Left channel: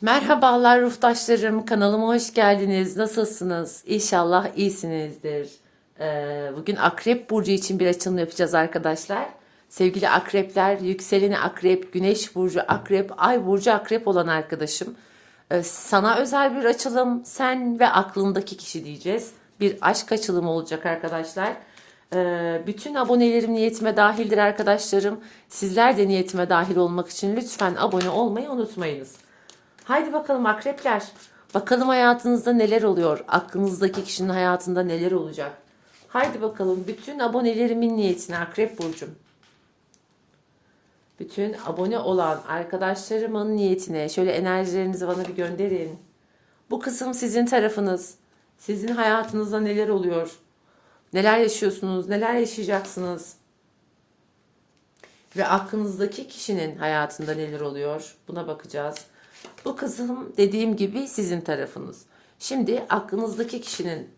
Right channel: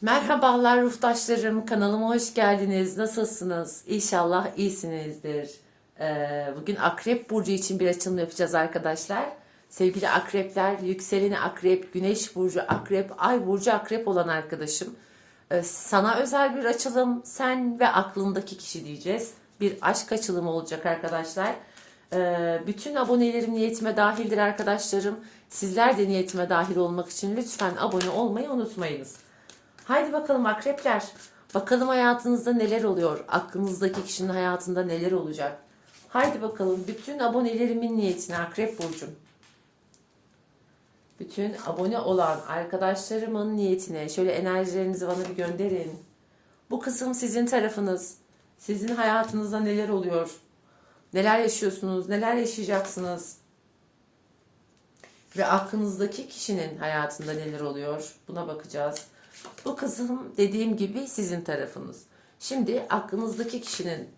Merhabalar ruhtaşlarım, kanalıma hoş geldiniz. Nasılsınız? İnşallah iyisinizdir. Ee, bugün Akrep Burcu için bir açılım yapacağız arkadaşlar. Sevgili akrepler, yükseleni akrep, güneş burcu akrep, ay burcu akrep olan arkadaşım. Ee, sana özel bir açılım, sen ve aklındaki kişi diyeceğiz. Bir aşk açılımı olacak arkadaşlar. Ee, bütün abonelerim niyetime dahildir arkadaşlarım. Sizler de niyetime dahil olmak için lütfen abone olmayı unutmayınız. Haydi bakalım akrepler. Bakalım hayatınızda neler oluyor? Aklınızdaki kişinin hayatında neler olacak? Haydi bakalım bütün abonelerimin niyetine akrep burcum. Bütün abone olan arkadaşlarımın niyetine şöyle enerjilerinizi bana bir gönderin. Bu kısım sizin tarafınız. Sizin hayatınızda neler oluyor? Neler yaşıyorsunuz? Neler yaşayacaksınız? Ve aklınızdaki kişinin hayatında neler oluyor? Buna bakacağız. Bu kısım dediğim gibi sizin tarafınız. Şimdi aklınızdaki kişinin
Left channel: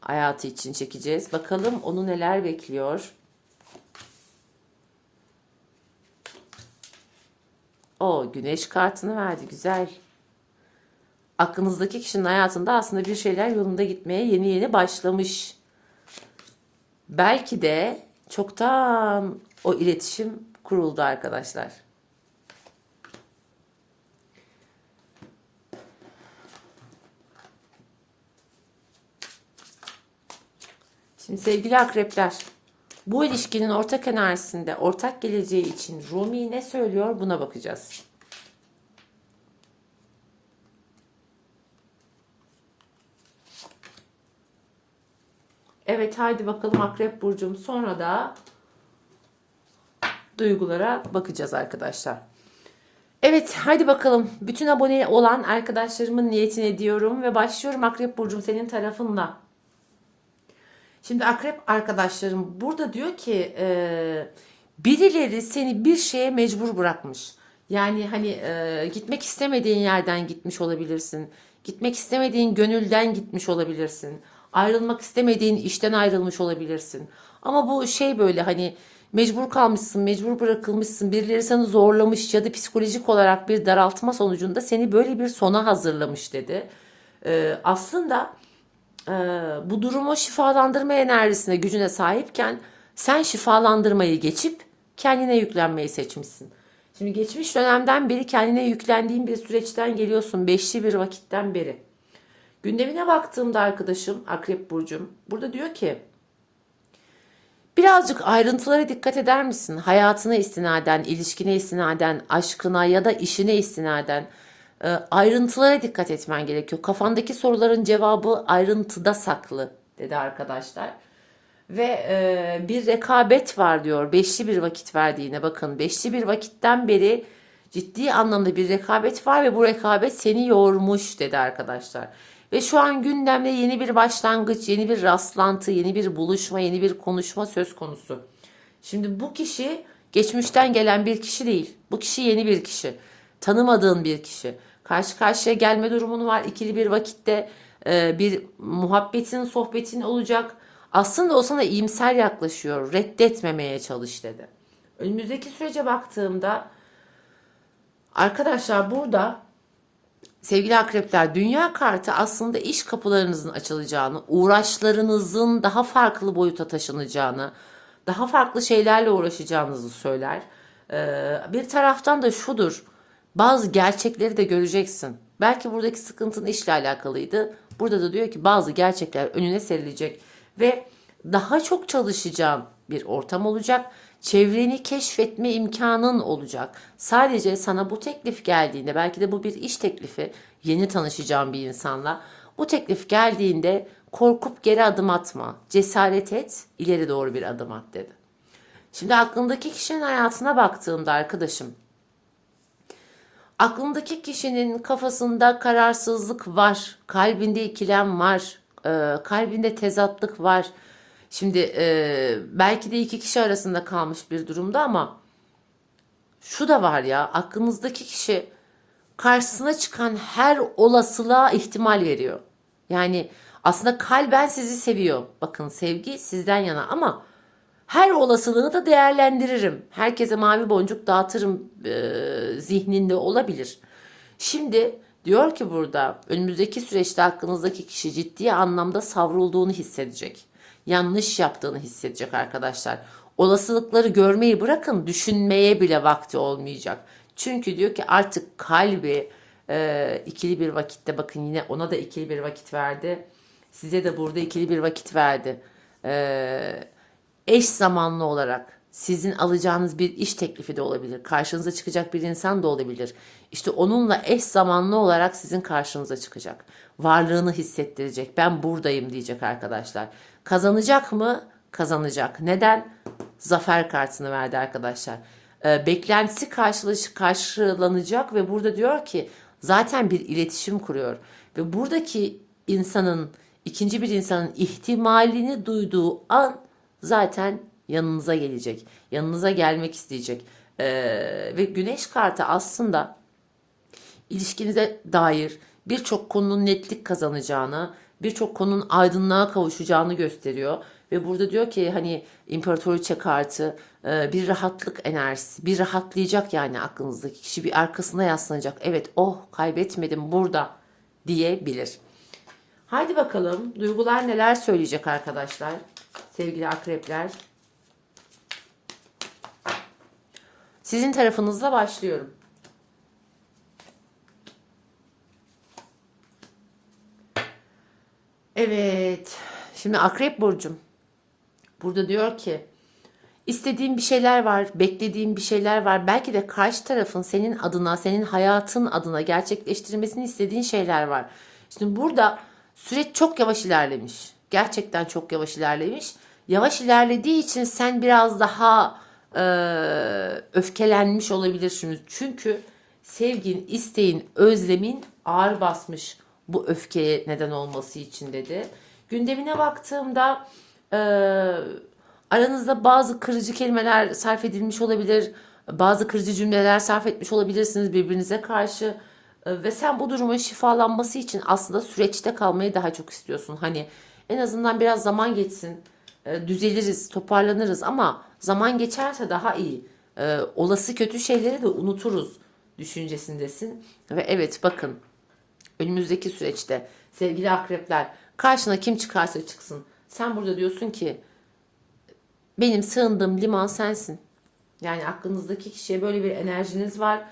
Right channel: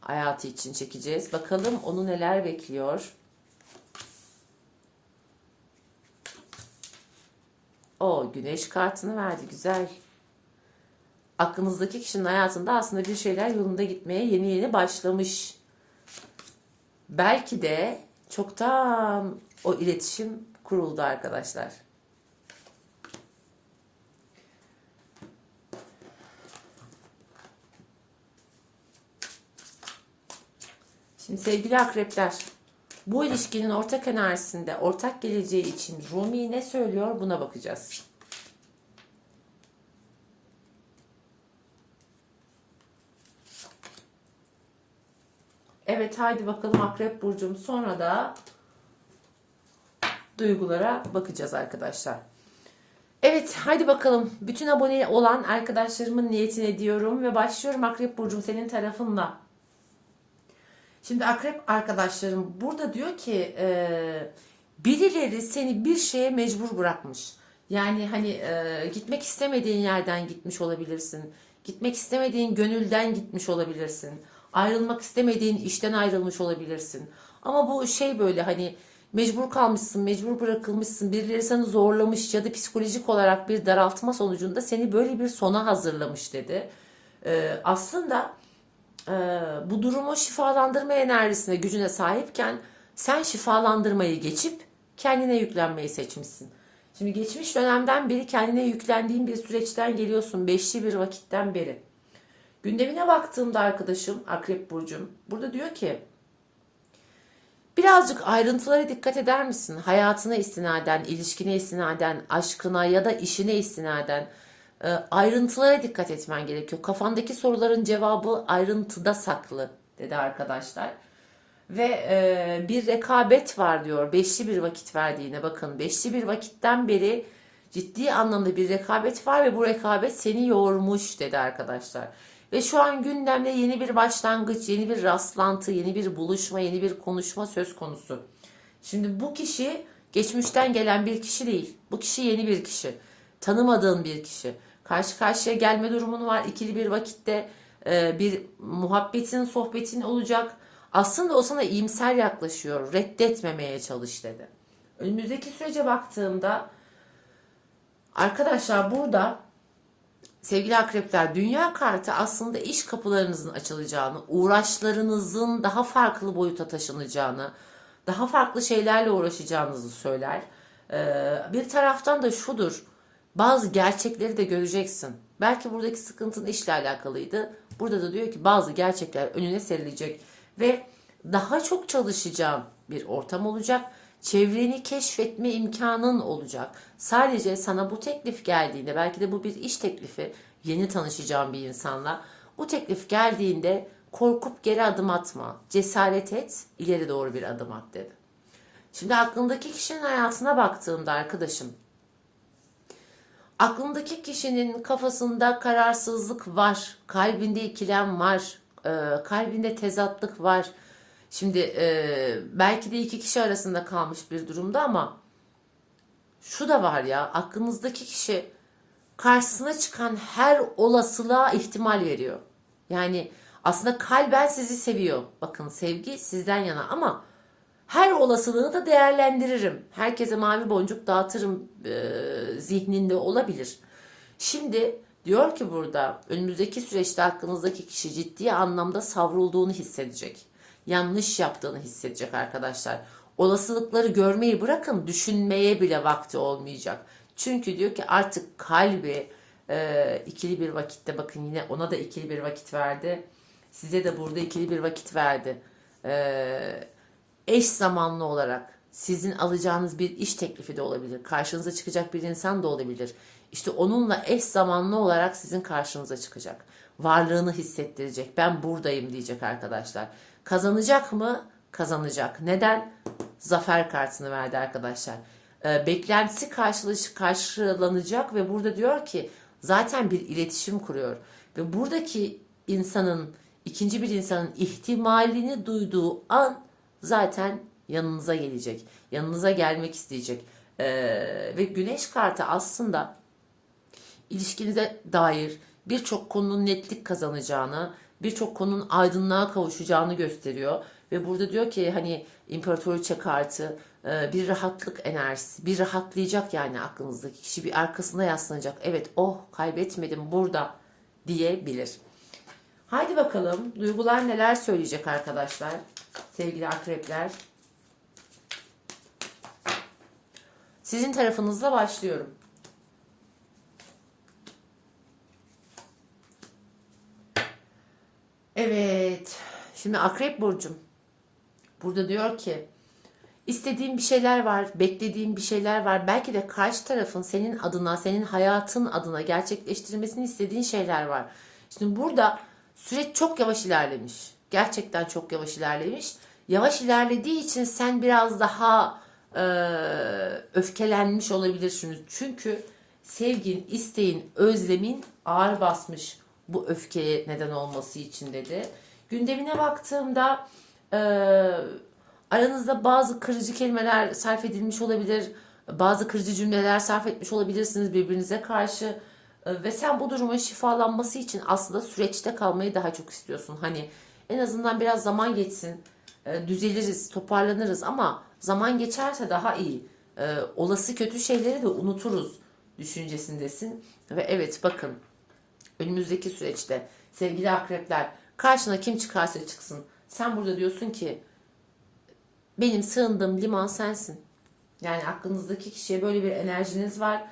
hayatı için çekeceğiz. Bakalım onu neler bekliyor. O güneş kartını verdi. Güzel. Aklınızdaki kişinin hayatında aslında bir şeyler yolunda gitmeye yeni yeni başlamış. Belki de çoktan o iletişim kuruldu arkadaşlar. Şimdi sevgili akrepler, bu ilişkinin ortak enerjisinde, ortak geleceği için Rumi ne söylüyor buna bakacağız. Evet haydi bakalım Akrep Burcu'm sonra da duygulara bakacağız arkadaşlar. Evet haydi bakalım bütün abone olan arkadaşlarımın niyetini diyorum ve başlıyorum Akrep Burcu'm senin tarafınla. Şimdi akrep arkadaşlarım burada diyor ki e, birileri seni bir şeye mecbur bırakmış. Yani hani e, gitmek istemediğin yerden gitmiş olabilirsin. Gitmek istemediğin gönülden gitmiş olabilirsin. Ayrılmak istemediğin işten ayrılmış olabilirsin. Ama bu şey böyle hani mecbur kalmışsın, mecbur bırakılmışsın. Birileri seni zorlamış ya da psikolojik olarak bir daraltma sonucunda seni böyle bir sona hazırlamış dedi. E, aslında bu durumu şifalandırma enerjisine, gücüne sahipken sen şifalandırmayı geçip kendine yüklenmeyi seçmişsin. Şimdi geçmiş dönemden beri kendine yüklendiğin bir süreçten geliyorsun. Beşli bir vakitten beri. Gündemine baktığımda arkadaşım Akrep Burcum burada diyor ki birazcık ayrıntılara dikkat eder misin? Hayatına istinaden, ilişkine istinaden, aşkına ya da işine istinaden e, ayrıntılara dikkat etmen gerekiyor. Kafandaki soruların cevabı ayrıntıda saklı dedi arkadaşlar. Ve e, bir rekabet var diyor. Beşli bir vakit verdiğine bakın. Beşli bir vakitten beri ciddi anlamda bir rekabet var ve bu rekabet seni yormuş dedi arkadaşlar. Ve şu an gündemde yeni bir başlangıç, yeni bir rastlantı, yeni bir buluşma, yeni bir konuşma söz konusu. Şimdi bu kişi geçmişten gelen bir kişi değil. Bu kişi yeni bir kişi. Tanımadığın bir kişi. Karşı karşıya gelme durumun var. İkili bir vakitte e, bir muhabbetin, sohbetin olacak. Aslında o sana iyimser yaklaşıyor. Reddetmemeye çalış dedi. Önümüzdeki sürece baktığımda arkadaşlar burada sevgili akrepler dünya kartı aslında iş kapılarınızın açılacağını, uğraşlarınızın daha farklı boyuta taşınacağını, daha farklı şeylerle uğraşacağınızı söyler. Ee, bir taraftan da şudur. Bazı gerçekleri de göreceksin. Belki buradaki sıkıntın işle alakalıydı. Burada da diyor ki bazı gerçekler önüne serilecek ve daha çok çalışacağın bir ortam olacak. Çevreni keşfetme imkanın olacak. Sadece sana bu teklif geldiğinde belki de bu bir iş teklifi yeni tanışacağın bir insanla. Bu teklif geldiğinde korkup geri adım atma. Cesaret et, ileri doğru bir adım at dedi. Şimdi aklındaki kişinin hayatına baktığımda arkadaşım aklındaki kişinin kafasında kararsızlık var, kalbinde ikilem var, e, kalbinde tezatlık var. Şimdi e, belki de iki kişi arasında kalmış bir durumda ama şu da var ya aklınızdaki kişi karşısına çıkan her olasılığa ihtimal veriyor. Yani aslında kalben sizi seviyor. Bakın sevgi sizden yana ama her olasılığı da değerlendiririm. Herkese mavi boncuk dağıtırım e, zihninde olabilir. Şimdi Diyor ki burada önümüzdeki süreçte hakkınızdaki kişi ciddi anlamda savrulduğunu hissedecek. Yanlış yaptığını hissedecek arkadaşlar. Olasılıkları görmeyi bırakın düşünmeye bile vakti olmayacak. Çünkü diyor ki artık kalbi e, ikili bir vakitte bakın yine ona da ikili bir vakit verdi. Size de burada ikili bir vakit verdi. E, eş zamanlı olarak sizin alacağınız bir iş teklifi de olabilir. Karşınıza çıkacak bir insan da olabilir. İşte onunla eş zamanlı olarak sizin karşınıza çıkacak. Varlığını hissettirecek. Ben buradayım diyecek arkadaşlar. Kazanacak mı? Kazanacak. Neden? Zafer kartını verdi arkadaşlar. Ee, beklentisi karşılanacak ve burada diyor ki zaten bir iletişim kuruyor. Ve buradaki insanın, ikinci bir insanın ihtimalini duyduğu an zaten yanınıza gelecek. Yanınıza gelmek isteyecek. Ee, ve güneş kartı aslında ilişkinize dair birçok konunun netlik kazanacağını, birçok konunun aydınlığa kavuşacağını gösteriyor. Ve burada diyor ki hani imparatoriçe kartı e, bir rahatlık enerjisi, bir rahatlayacak yani aklınızdaki kişi bir arkasına yaslanacak. Evet oh kaybetmedim burada diyebilir. Haydi bakalım duygular neler söyleyecek arkadaşlar sevgili akrepler. Sizin tarafınızla başlıyorum. Evet. Şimdi Akrep Burcum. Burada diyor ki istediğin bir şeyler var, beklediğin bir şeyler var. Belki de karşı tarafın senin adına, senin hayatın adına gerçekleştirmesini istediğin şeyler var. Şimdi burada süreç çok yavaş ilerlemiş. Gerçekten çok yavaş ilerlemiş. Yavaş ilerlediği için sen biraz daha e, öfkelenmiş olabilirsin. Çünkü sevgin, isteğin, özlemin ağır basmış bu öfkeye neden olması için dedi. Gündemine baktığımda e, aranızda bazı kırıcı kelimeler sarf edilmiş olabilir. Bazı kırıcı cümleler sarf etmiş olabilirsiniz birbirinize karşı. E, ve sen bu durumun şifalanması için aslında süreçte kalmayı daha çok istiyorsun. Hani en azından biraz zaman geçsin. E, düzeliriz, toparlanırız ama zaman geçerse daha iyi. E, olası kötü şeyleri de unuturuz düşüncesindesin. Ve evet bakın önümüzdeki süreçte sevgili akrepler karşına kim çıkarsa çıksın. Sen burada diyorsun ki benim sığındığım liman sensin. Yani aklınızdaki kişiye böyle bir enerjiniz var.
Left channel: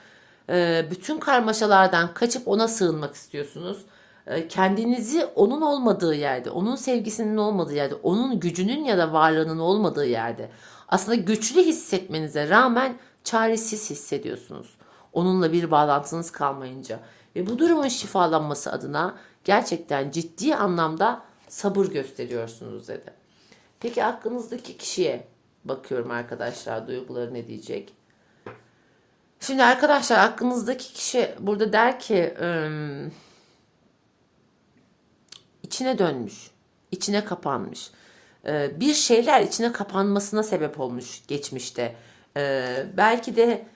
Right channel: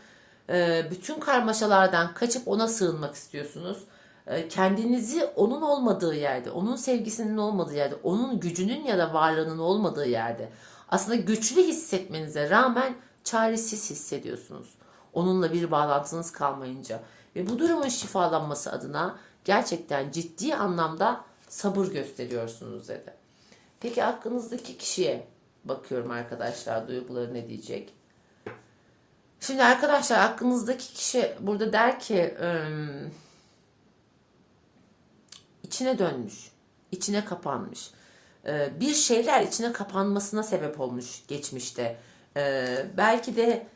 Ee, bütün karmaşalardan kaçıp ona sığınmak istiyorsunuz. Ee, kendinizi onun olmadığı yerde, onun sevgisinin olmadığı yerde, onun gücünün ya da varlığının olmadığı yerde aslında güçlü hissetmenize rağmen çaresiz hissediyorsunuz. Onunla bir bağlantınız kalmayınca. Ve bu durumun şifalanması adına gerçekten ciddi anlamda sabır gösteriyorsunuz dedi. Peki aklınızdaki kişiye bakıyorum arkadaşlar duyguları ne diyecek? Şimdi arkadaşlar aklınızdaki kişi burada der ki ım, içine dönmüş, içine kapanmış. Ee, bir şeyler içine kapanmasına sebep olmuş geçmişte. Ee, belki de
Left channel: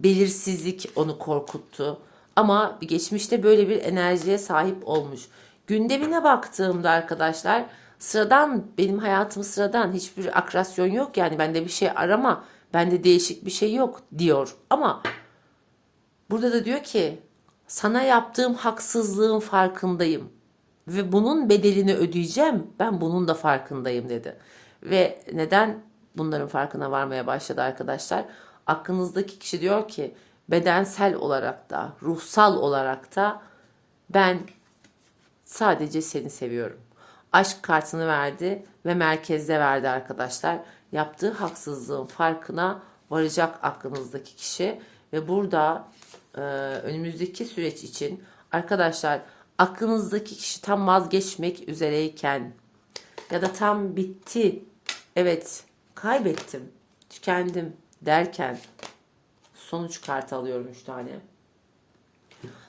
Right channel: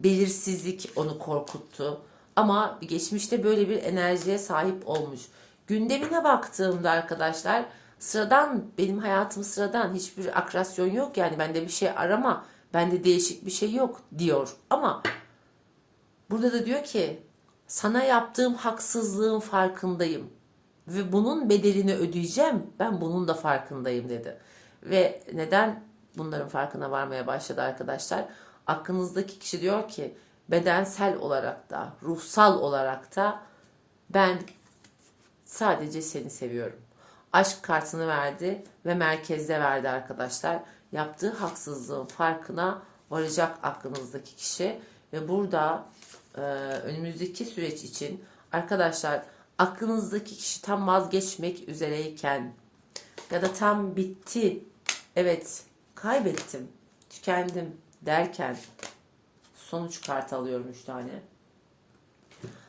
belirsizlik onu korkuttu. Ama geçmişte böyle bir enerjiye sahip olmuş. Gündemine baktığımda arkadaşlar sıradan benim hayatım sıradan hiçbir akrasyon yok yani bende bir şey arama bende değişik bir şey yok diyor ama burada da diyor ki sana yaptığım haksızlığın farkındayım ve bunun bedelini ödeyeceğim ben bunun da farkındayım dedi ve neden bunların farkına varmaya başladı arkadaşlar aklınızdaki kişi diyor ki bedensel olarak da ruhsal olarak da ben sadece seni seviyorum. Aşk kartını verdi ve merkezde verdi arkadaşlar. Yaptığı haksızlığın farkına varacak aklınızdaki kişi ve burada e, önümüzdeki süreç için arkadaşlar aklınızdaki kişi tam vazgeçmek üzereyken ya da tam bitti evet kaybettim tükendim derken sonuç kartı alıyorum 3 tane.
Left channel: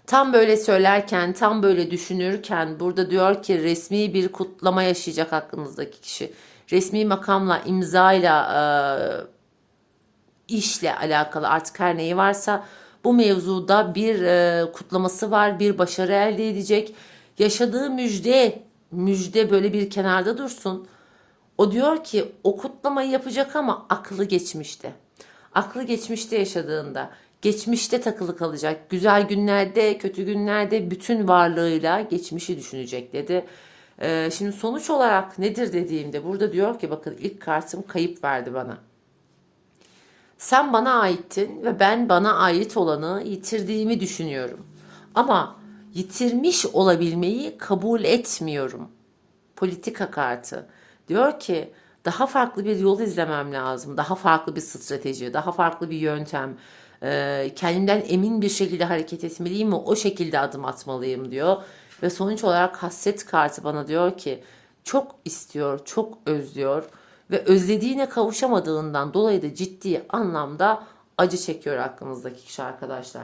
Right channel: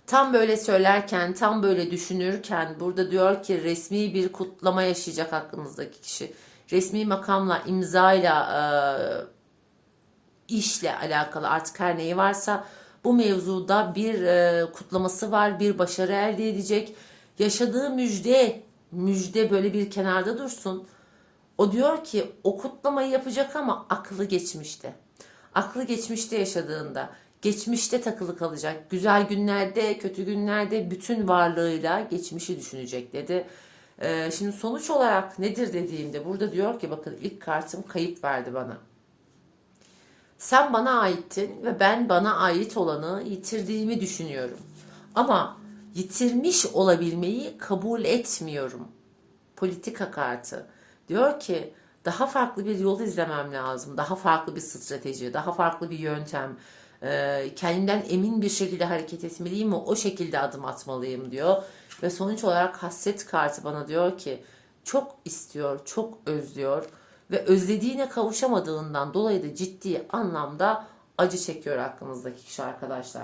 Tam böyle söylerken, tam böyle düşünürken burada diyor ki resmi bir kutlama yaşayacak aklınızdaki kişi. Resmi makamla, imzayla, e, işle alakalı artık her neyi varsa bu mevzuda bir e, kutlaması var, bir başarı elde edecek. Yaşadığı müjde, müjde böyle bir kenarda dursun. O diyor ki o kutlamayı yapacak ama aklı geçmişte aklı geçmişte yaşadığında, geçmişte takılı kalacak. Güzel günlerde, kötü günlerde bütün varlığıyla geçmişi düşünecek dedi. Ee, şimdi sonuç olarak nedir dediğimde burada diyor ki bakın ilk kartım kayıp verdi bana. Sen bana aittin ve ben bana ait olanı yitirdiğimi düşünüyorum. Ama yitirmiş olabilmeyi kabul etmiyorum. Politika kartı. Diyor ki daha farklı bir yol izlemem lazım. Daha farklı bir strateji, daha farklı bir yöntem. Ee, kendimden emin bir şekilde hareket etmeliyim mi? O şekilde adım atmalıyım diyor. Ve sonuç olarak hasret kartı bana diyor ki çok istiyor, çok özlüyor ve özlediğine kavuşamadığından dolayı da ciddi anlamda acı çekiyor aklınızdaki kişi arkadaşlar.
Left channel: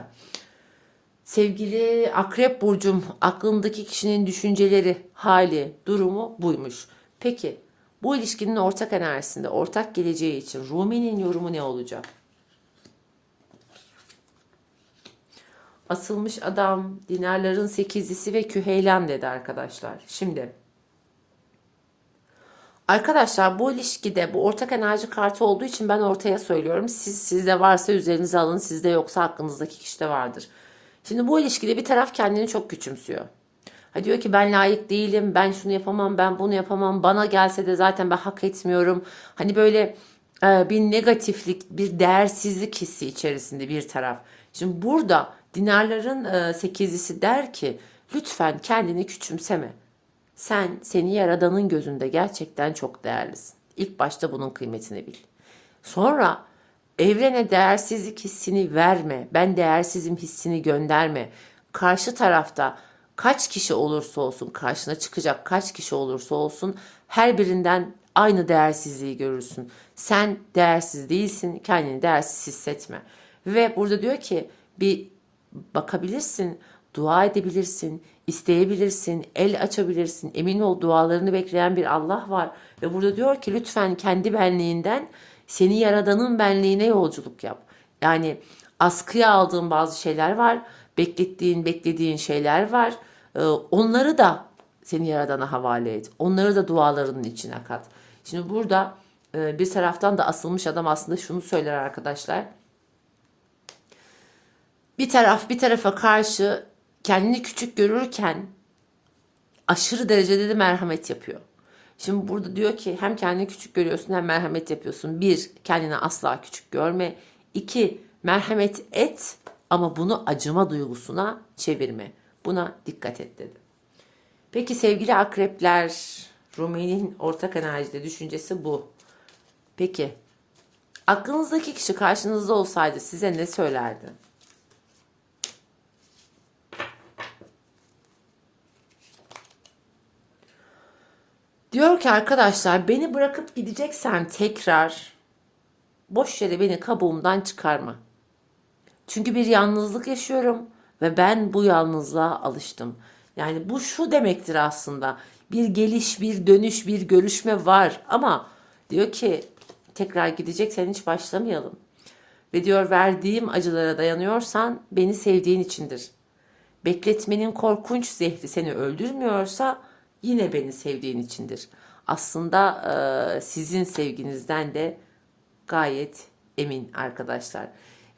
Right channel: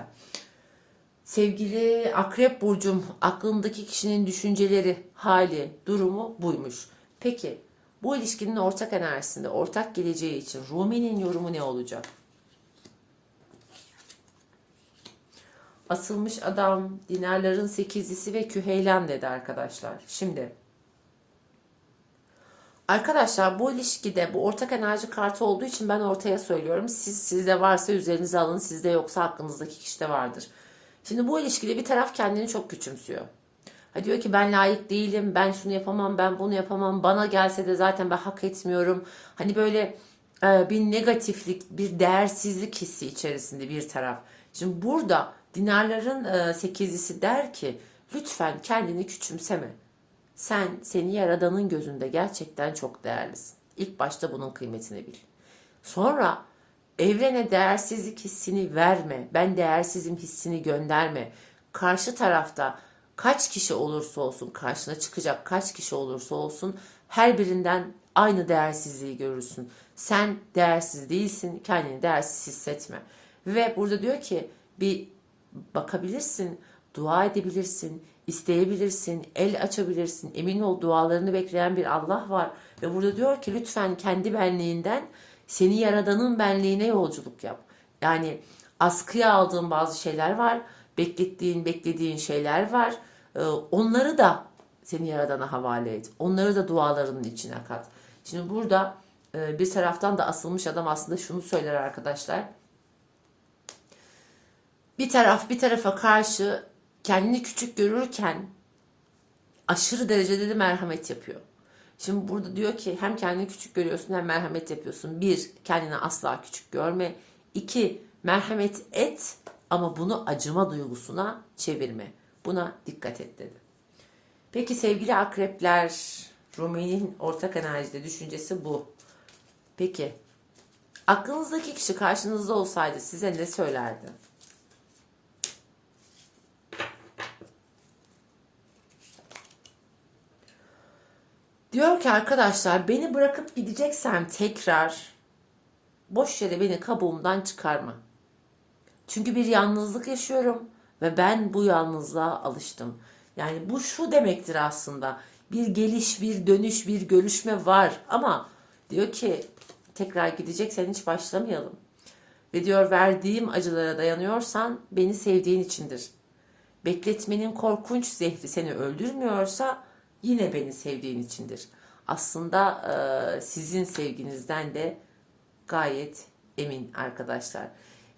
Sevgili Akrep Burcum, aklındaki kişinin düşünceleri, hali, durumu buymuş. Peki bu ilişkinin ortak enerjisinde, ortak geleceği için Rumi'nin yorumu ne olacak? Asılmış adam, dinarların sekizlisi ve küheylan dedi arkadaşlar. Şimdi Arkadaşlar bu ilişkide bu ortak enerji kartı olduğu için ben ortaya söylüyorum. Siz sizde varsa üzerinize alın, sizde yoksa aklınızdaki kişide vardır. Şimdi bu ilişkide bir taraf kendini çok küçümsüyor. Ha diyor ki ben layık değilim, ben şunu yapamam, ben bunu yapamam, bana gelse de zaten ben hak etmiyorum. Hani böyle e, bir negatiflik, bir değersizlik hissi içerisinde bir taraf. Şimdi burada dinarların e, sekizlisi der ki lütfen kendini küçümseme. Sen seni yaradanın gözünde gerçekten çok değerlisin. İlk başta bunun kıymetini bil. Sonra evrene değersizlik hissini verme. Ben değersizim hissini gönderme. Karşı tarafta kaç kişi olursa olsun, karşına çıkacak kaç kişi olursa olsun her birinden aynı değersizliği görürsün. Sen değersiz değilsin, kendini değersiz hissetme. Ve burada diyor ki bir bakabilirsin, dua edebilirsin, isteyebilirsin, el açabilirsin. Emin ol dualarını bekleyen bir Allah var. Ve burada diyor ki lütfen kendi benliğinden seni yaradanın benliğine yolculuk yap. Yani askıya aldığın bazı şeyler var. Beklettiğin, beklediğin şeyler var. Ee, onları da seni yaradana havale et. Onları da dualarının içine kat. Şimdi burada e, bir taraftan da asılmış adam aslında şunu söyler arkadaşlar. Bir taraf bir tarafa karşı kendini küçük görürken aşırı derecede de merhamet yapıyor. Şimdi burada diyor ki hem kendini küçük görüyorsun hem merhamet yapıyorsun. Bir, kendini asla küçük görme. İki, merhamet et ama bunu acıma duygusuna çevirme. Buna dikkat et dedi. Peki sevgili akrepler, Rumi'nin ortak enerjide düşüncesi bu. Peki, aklınızdaki kişi karşınızda olsaydı size ne söylerdi? Diyor ki arkadaşlar beni bırakıp gideceksen tekrar boş yere beni kabuğumdan çıkarma. Çünkü bir yalnızlık yaşıyorum ve ben bu yalnızlığa alıştım. Yani bu şu demektir aslında. Bir geliş, bir dönüş, bir görüşme var ama diyor ki tekrar gideceksen hiç başlamayalım. Ve diyor verdiğim acılara dayanıyorsan beni sevdiğin içindir. Bekletmenin korkunç zehri seni öldürmüyorsa yine beni sevdiğin içindir. Aslında e, sizin sevginizden de gayet emin arkadaşlar.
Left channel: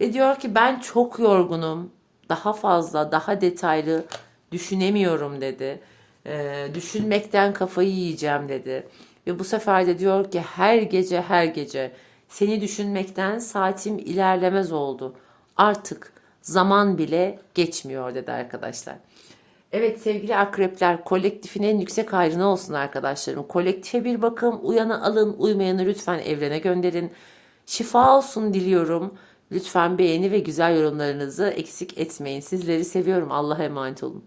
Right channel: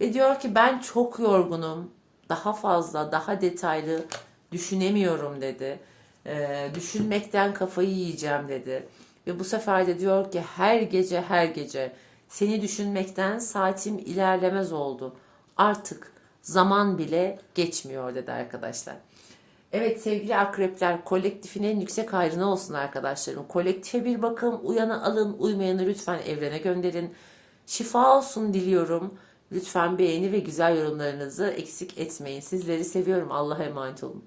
Ve diyor ki ben çok yorgunum. Daha fazla, daha detaylı düşünemiyorum dedi. E, düşünmekten kafayı yiyeceğim dedi. Ve bu sefer de diyor ki her gece her gece seni düşünmekten saatim ilerlemez oldu. Artık zaman bile geçmiyor dedi arkadaşlar. Evet sevgili akrepler kolektifin en yüksek hayrına olsun arkadaşlarım. Kolektife bir bakın uyanı alın uymayanı lütfen evrene gönderin. Şifa olsun diliyorum. Lütfen beğeni ve güzel yorumlarınızı eksik etmeyin. Sizleri seviyorum. Allah'a emanet olun.